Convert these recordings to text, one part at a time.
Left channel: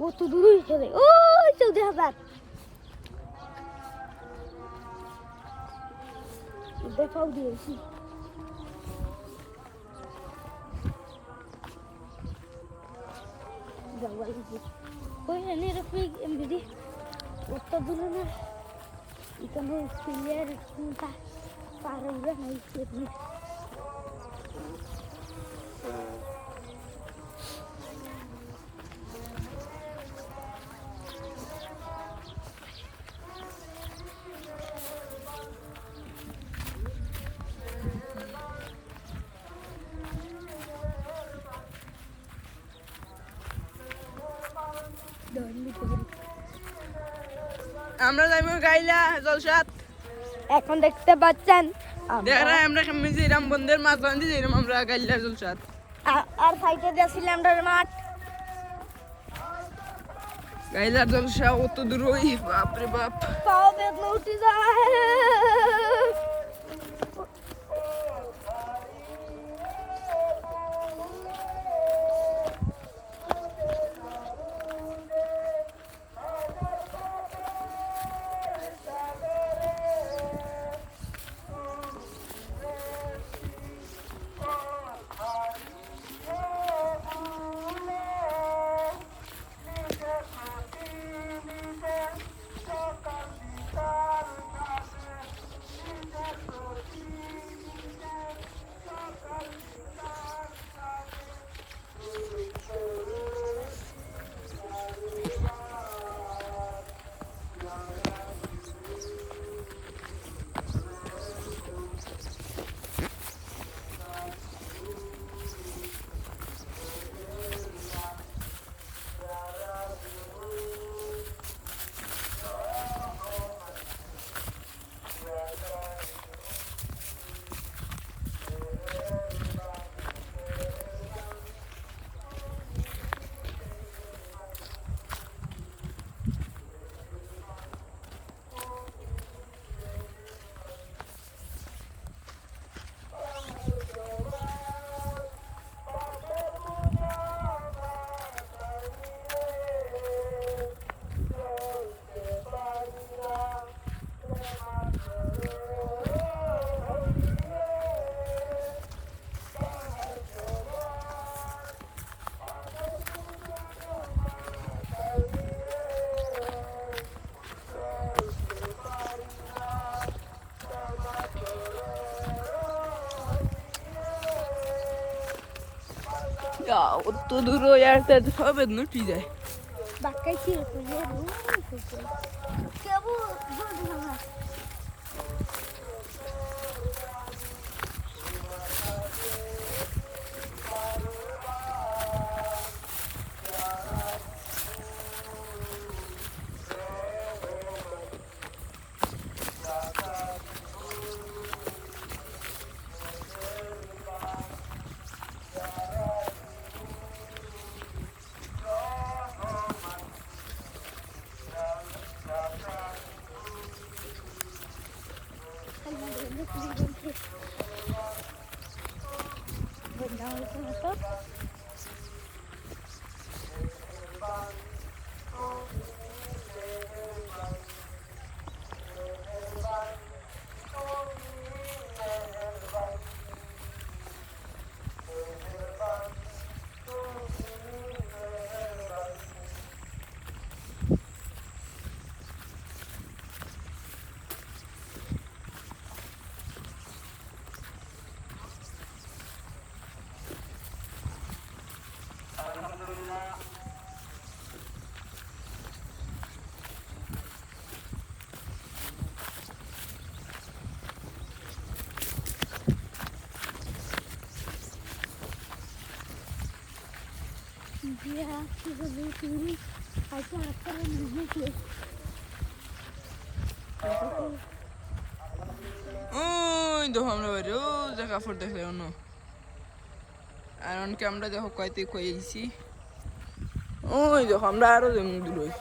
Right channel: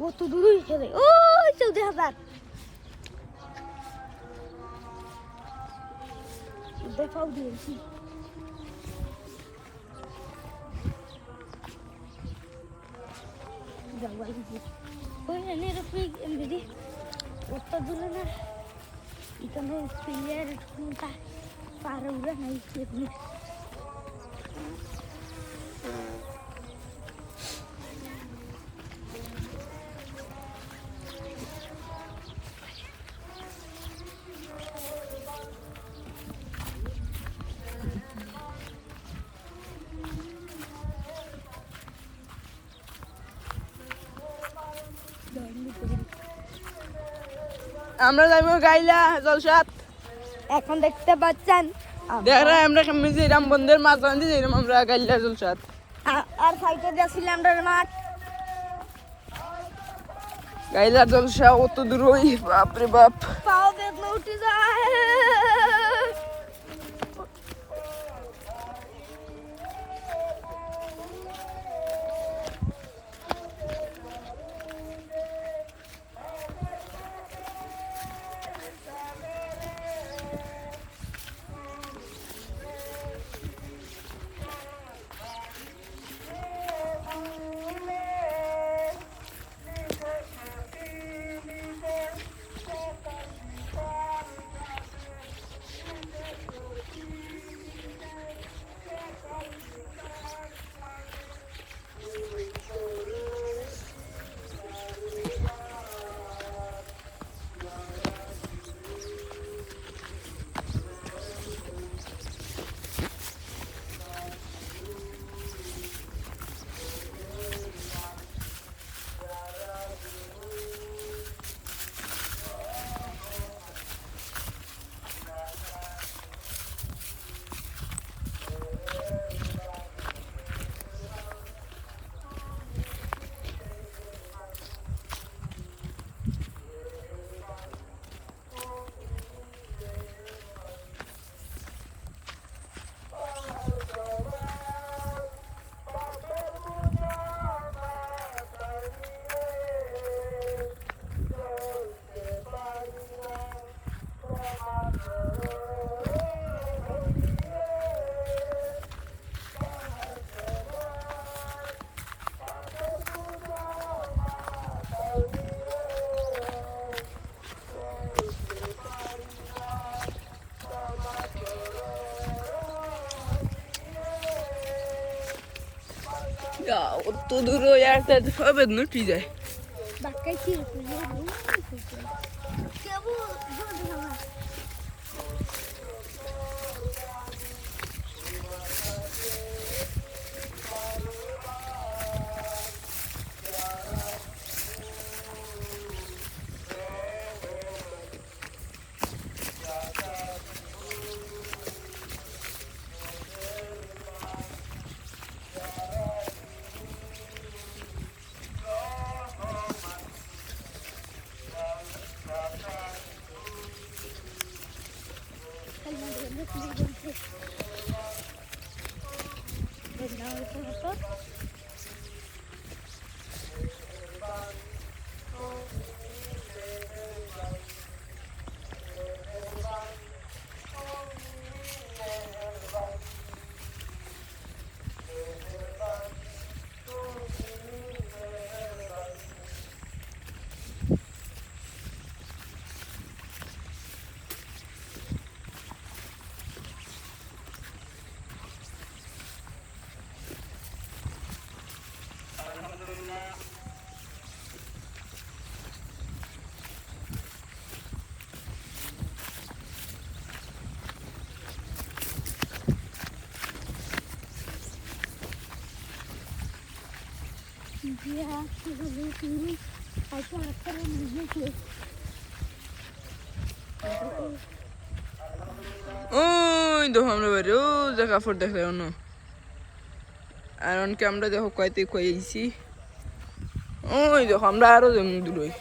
কত দূরই খেলে ওই চৌদ্দ হাজার দেখাও দিয়েছি ওই আমি এরকম এমনি কত দূর না এখানে প্লেয়ার পার হয়ে নাই আমরা যাইব গাইলা জলসাত এখন দেখতে পাচ্ছেন? দেখরা আমরা কেমনি যেরাম বন্ধের মাছ বান্ধি যাইলাম আমরা গাইলা জলসাত আর সাইডে দিয়েছিলাম আমরা মাঠ গাইলার জলসা অত দূর ওই বাপরে বাপ। পাও বেদনা উঠে যায়। অত দূর ওই আর কে সব বেদনা উঠি ¿Qué es ওই দেখো আমরা ও যে কাপড় দেখলে অন্য। আর অনকে আমরা দেখো কয়তে কয়েছি ওই দেখো আমরা আরও যেমন দূর হই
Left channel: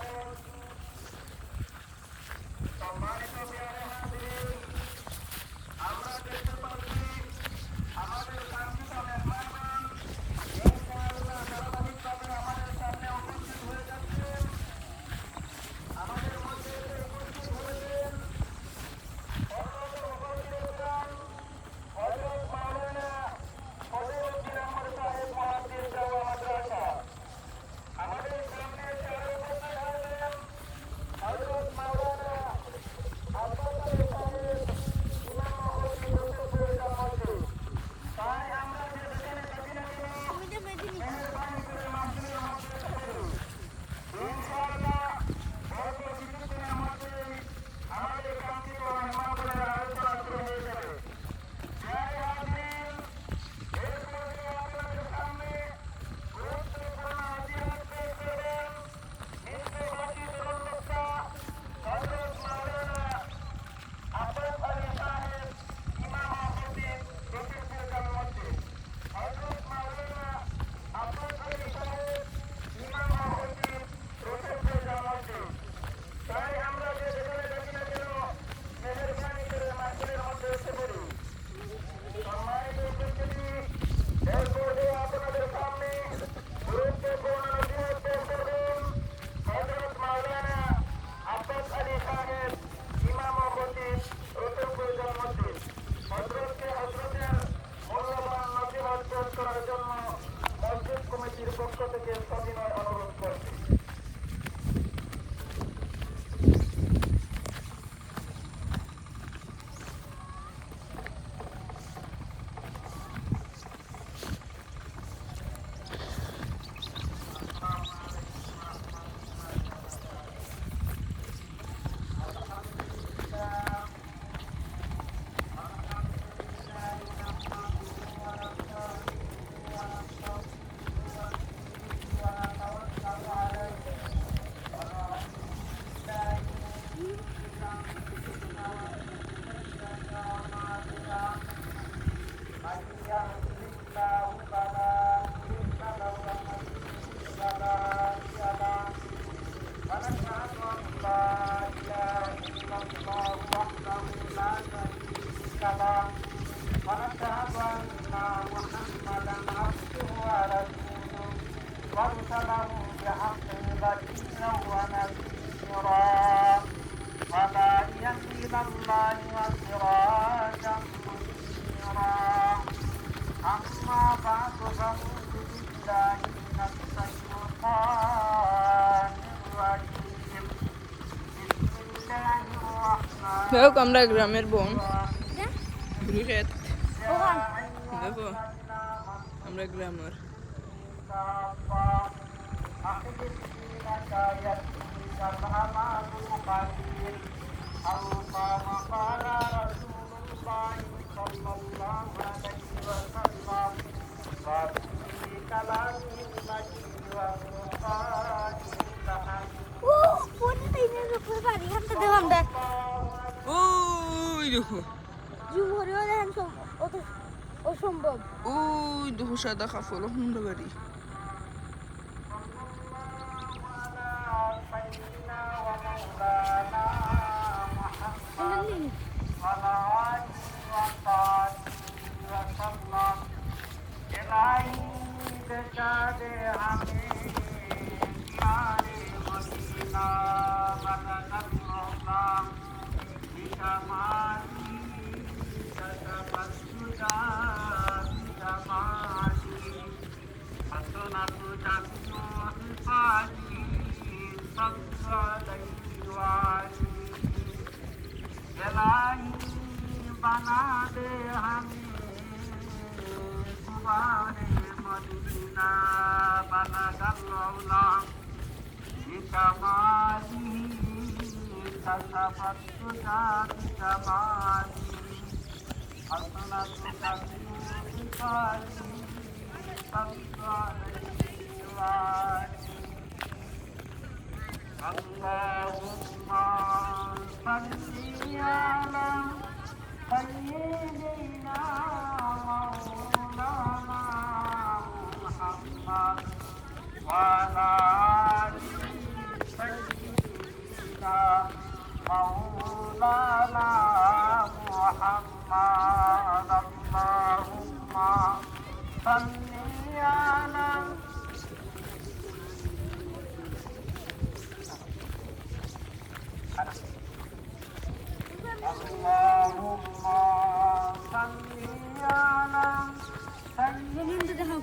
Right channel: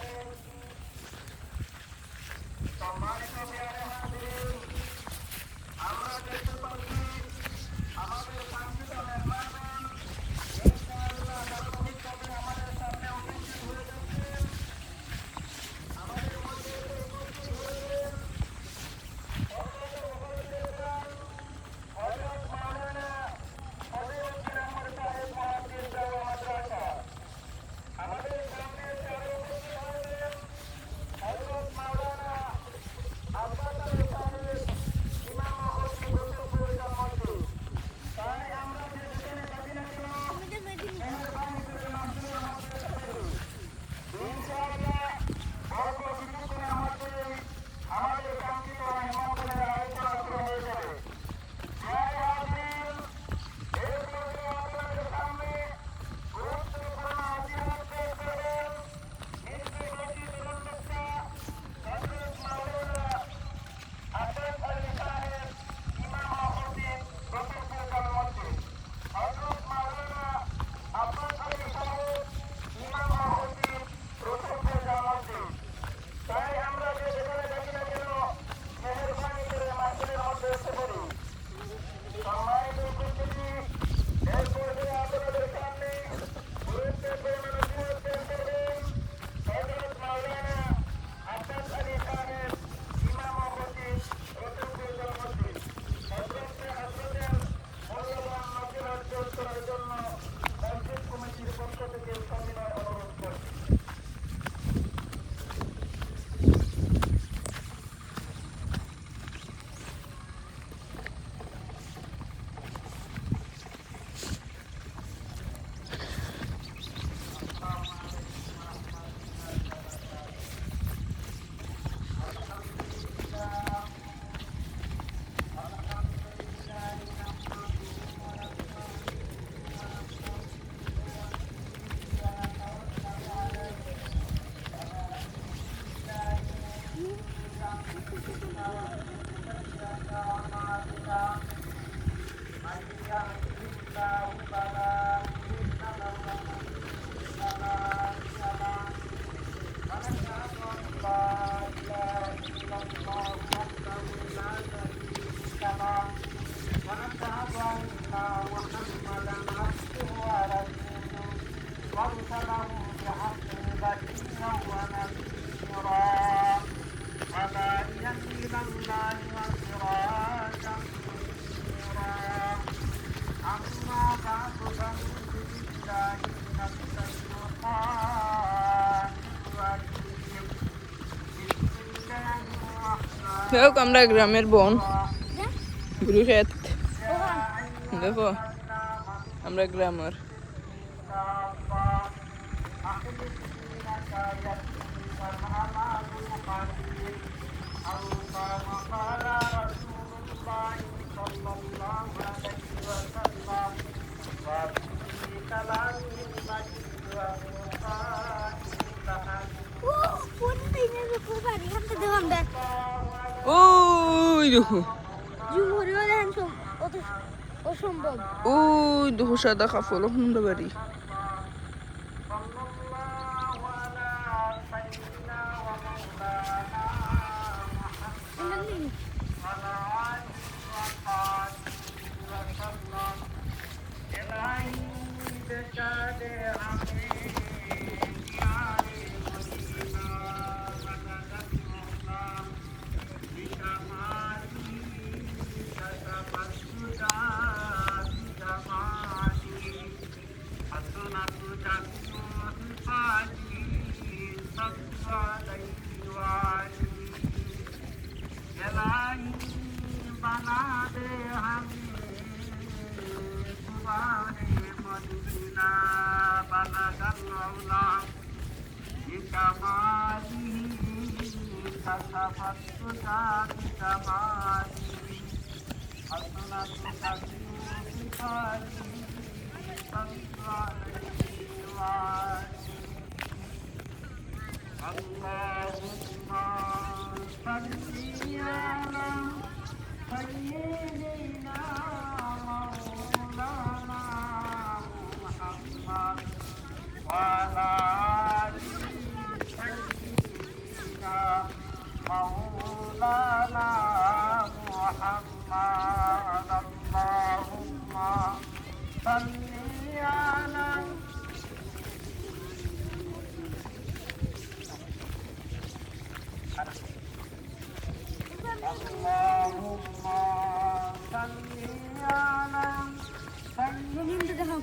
হোক আমরা গ্রামের বোন। গুরুক্ষেত দেখো আমরা গ্রামের ও কোন দিনের উপর বাড়ি হাতে দেখাম দেখ জুমুরিও দেখেন অসম্ভব। ওই দেখো সাদা Allahumma salli ala Sayyidina اللهم صل على سيدنا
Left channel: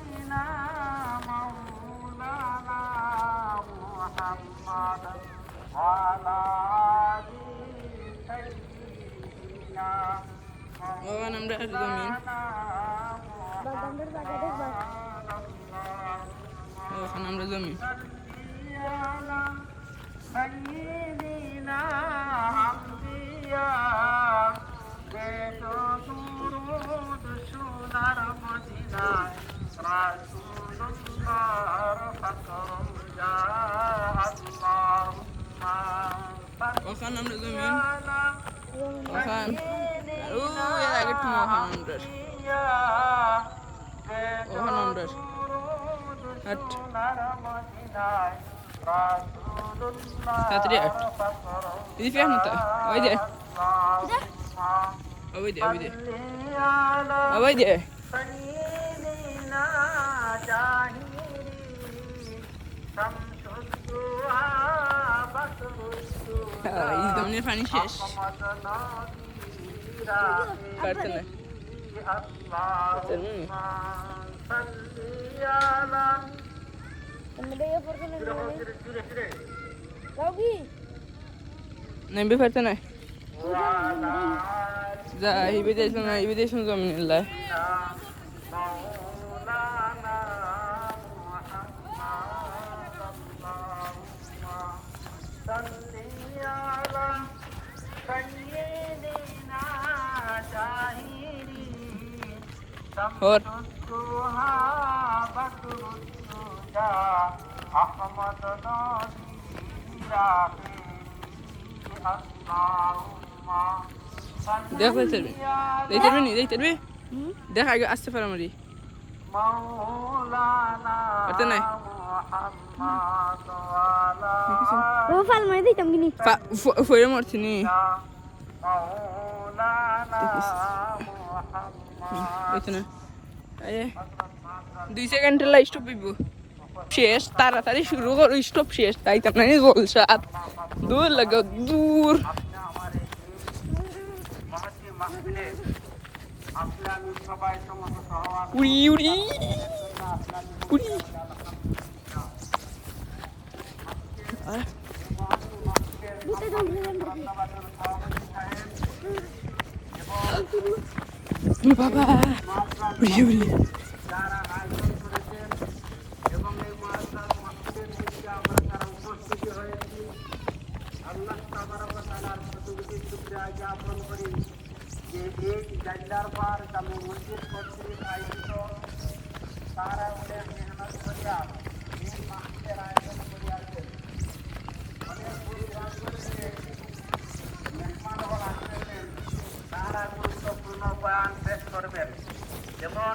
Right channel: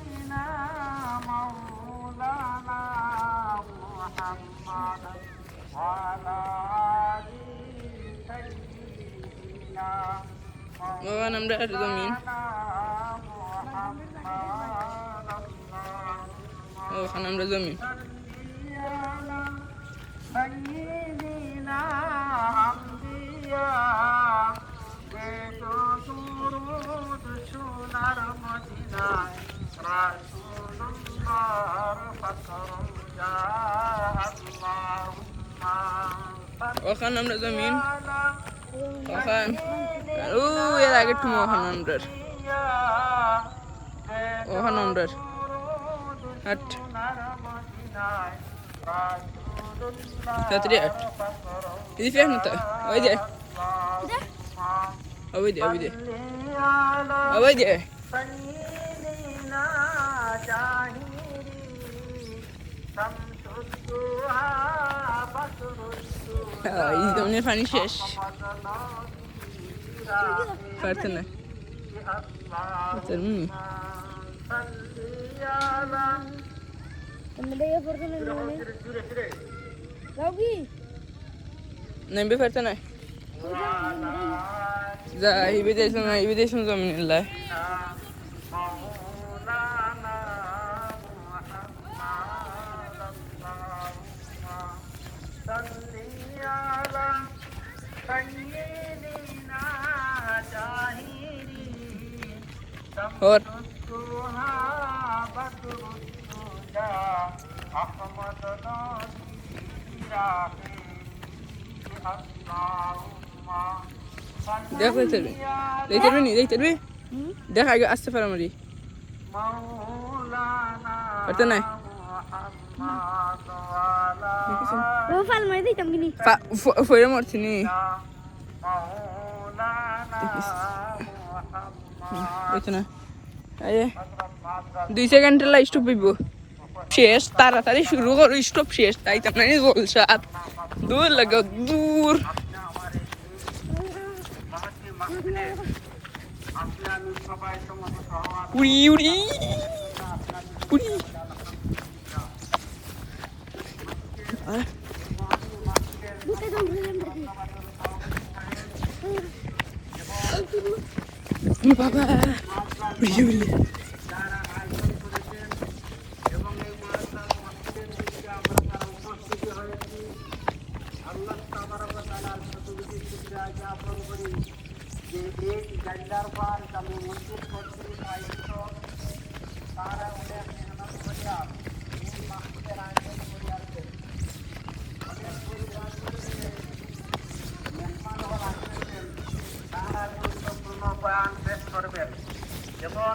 أنبياء বেদো দুরুদ সোনার মদিনায় রাসূলুল্লাহর ফকরম যা আল্লাহুম্মা ওখান আমরা জমিন। ওখান ও এর আগে তুমি ওখান আমরার ওখান আমরার হাট। তাড়াতাড়ি দিদি ফের না ওই যে। ওই যে ওই যে। ওই যে। he's the only funny shish. Partner. Termin. Nem bir fırtına. Zahibedesem, zahibedesem zaminillah. ਹੋਰ দেখো দেখবে দেখতে নি দেখতে পারবে দেখা আগে আসতে পারো মারি পারতে নাই ও ফাল মারি দিতাম কিনি ফইরে মরছি নি দেখতে না দুই সেকেন্ড স্টপ হইব। শেষ, তাড়াতাড়ি শুরু করো স্টপ শেষ। তাই তো নাই জলসাত দূর লাগে, দূর। উড়ি উড়ি উড়ি বাবা উড়ি উড়ি যারা আয়োজন করেছেন এবং এই মহাসার মসজিদের দিকে আমরা তারা উপস্থিতি হয়েছি আল্লাহ তাবারকাতালার প্রতিবেদী শুক্রিয়া জ্ঞাপন করি যে এই জায়গার পর আমি মসজিদ কর্তৃক আয়োজিত তারা উঠে মেহনত করিয়া এই মাসের আয়োজন করিয়াছেন মেহমানগণ আসিয়াছেন তারা গুরুত্বপূর্ণ বয়ান পেশ করবেন যেমন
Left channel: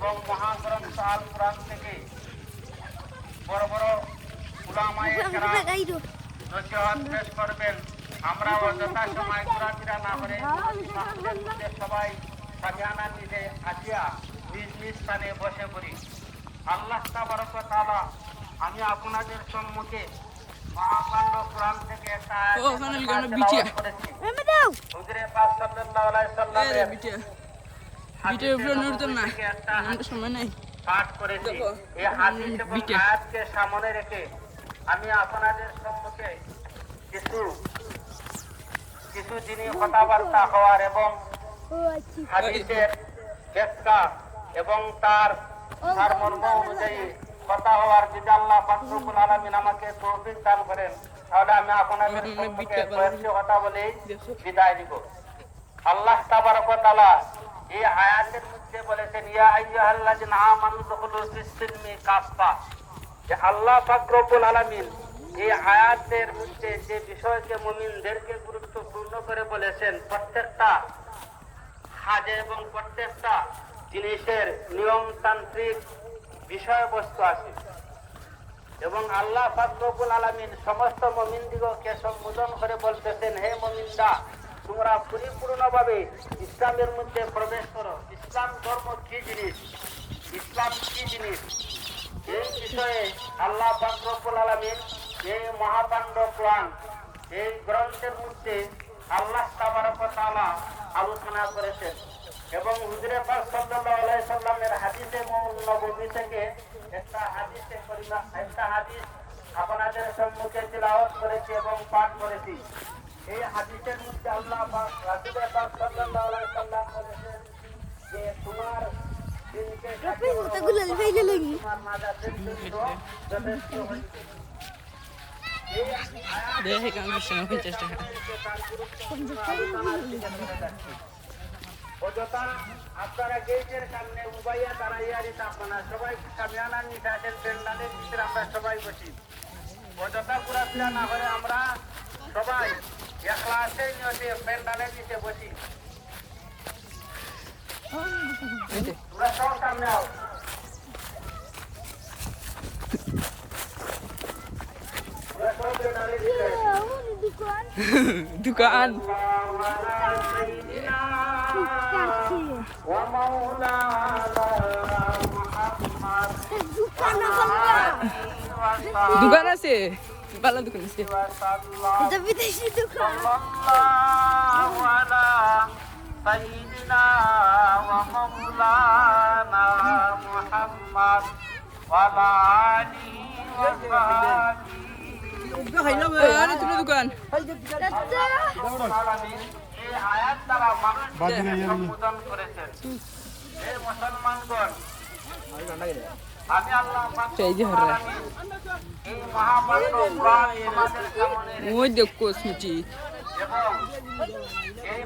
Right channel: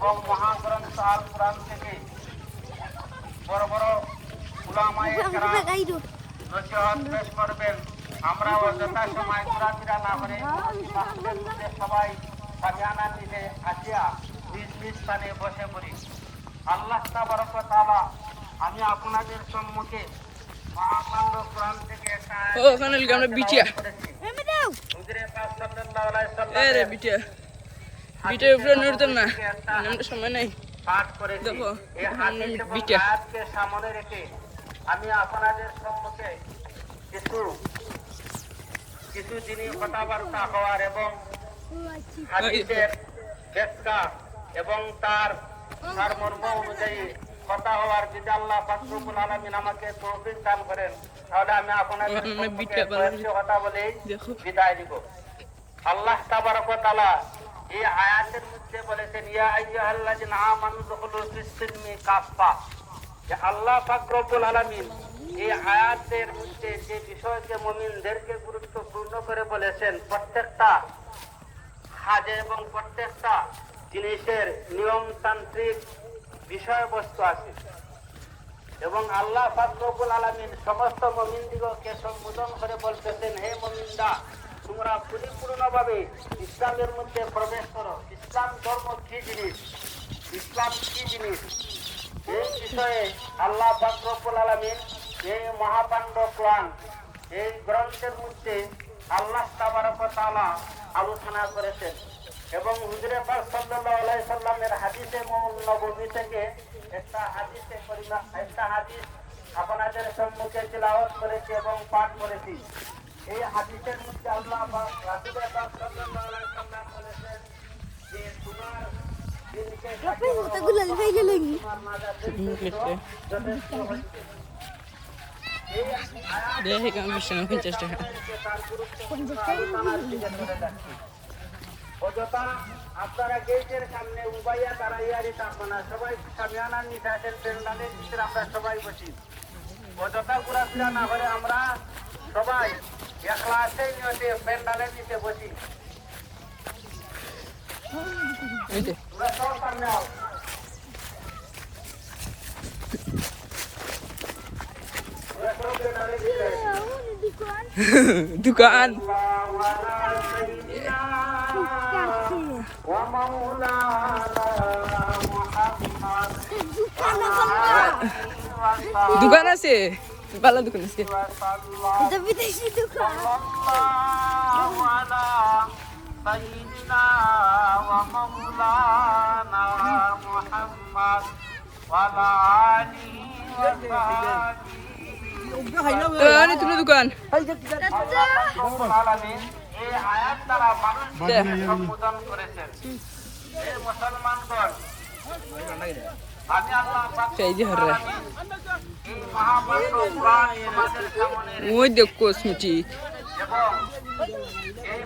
এবং মহাগ্রন্থ আল কোরআন থেকে বড় বড় উলামায়ে কেরাম গাইরো। নসিহত পেশ করবেন। আমরা অযথা সময় ঘোরাফেরা না করে সবাই সারিয়ানা নিলে আসিয়া নিজ নিজ স্থানে বসে পড়ি। আল্লাহ তাবারক তাআলা আমি আপনাদের সম্মুখে মহাকাণ্ড কোরআন থেকে একটা ও, ওখানে লিখে আমরা বিটিয়া। এমে দাও হুজুরে পাক সাল্লাল্লাহু আলাইহি এ রে বিটিয়া। উপরে নড়তাম না। আমার সময় নাই। পাঠ করেছি। দেখো, বিটা। সামনে রেখে আমি আপনাদের সম্মুখে কিছু কিছু জিনিস কথাবার্তা হওয়ার এবং আচ্ছা। ব্যাখ্যা এবং তার সারমর্ম অনুযায়ী কথা হওয়ার যদি আল্লাহ আলামিন আমাকে তৌফিক দান করেন। তাহলে আমি আপনাদের কথা বলেই দেখো। বিদায় দিব আল্লাহ তাবারক এই আয়াতের মধ্যে বলেছেন, ইয়া আইয়ুহাল্লাযিনা আমানু দুখুলু ফিস-সিলমি কাফা যে আল্লাহ পাক রব্বুল আলামিন এই আয়াতের মধ্যে যে বিষয়কে মুমিনদেরকে গুরুত্বপূর্ণ করে বলেছেন, প্রত্যেকটা কাজে এবং প্রত্যেকটা জিনিসের নিয়মতান্ত্রিক বিষয়বস্তু আছে। এবং আল্লাহ ফাকরুল আলমিন সমস্ত মমিনদিগকে সম্বোধন করে বলতেছেন, হে মমিন্দা তোমরা পরিপূর্ণভাবে ইসলামের মধ্যে প্রবেশ করো। ইসলাম ধর্ম কি জিনিস? ইসলাম কি জিনিস? এই বিষয়ে আল্লাহ ফাকরুল আলমিন এই মহাপাণ্ড কোরআন এই গ্রন্থের মধ্যে আল্লাহ আলোচনা করেছেন। এবং হুজুরে পাক সাল্লাল্লাহু আলাইহি সাল্লামের হাদিসে থেকে একটা হাদিসে একটা হাদিস আপনাদের সম্মুখে তেলাওয়াত করেছি এবং পাঠ করেছি। এই হাদিসের মধ্যে আল্লাহ পাক রাসূলে পাক সাল্লাল্লাহু আলাইহি সাল্লাম বলেছেন যে তোমার দেখে কেমন বিছানা পঞ্চাশ টাকা অযথা আপনারা গেটের সামনে উবাইয়া দাঁড়াইয়া থাকব না সবাই সামিয়ানা নিশাদের পেন্ডালের ভিতরে আমরা সবাই বসি। অযথা ঘোরাফেরা না হলে আমরা সবাই একলা আছেই নদী পেন্ডালের নিচে বসি এই যে, তোমরা সব সামনে আও তোমরা সব পেন্ডালের নিচে আমার দোকান দোকান আল্লাহু আলা সাইয়্যিদিনা কাছে ওয়া মাওলানা মুহাম্মদ দোকান আমার দোকান আছে ভালো দোকান আছে এটা বিদেশি দোকান الله على سيدنا ومولانا محمد وعلى آله وصحبه আরে তুমি দোকান العالمين এই আয়াত দ্বারা মানুষকে সম্বোধন করেছেন এই মুসলমানগণ আমি আল্লাহ পাক সেই যে হরে ওই দেখ কসমেটিক এই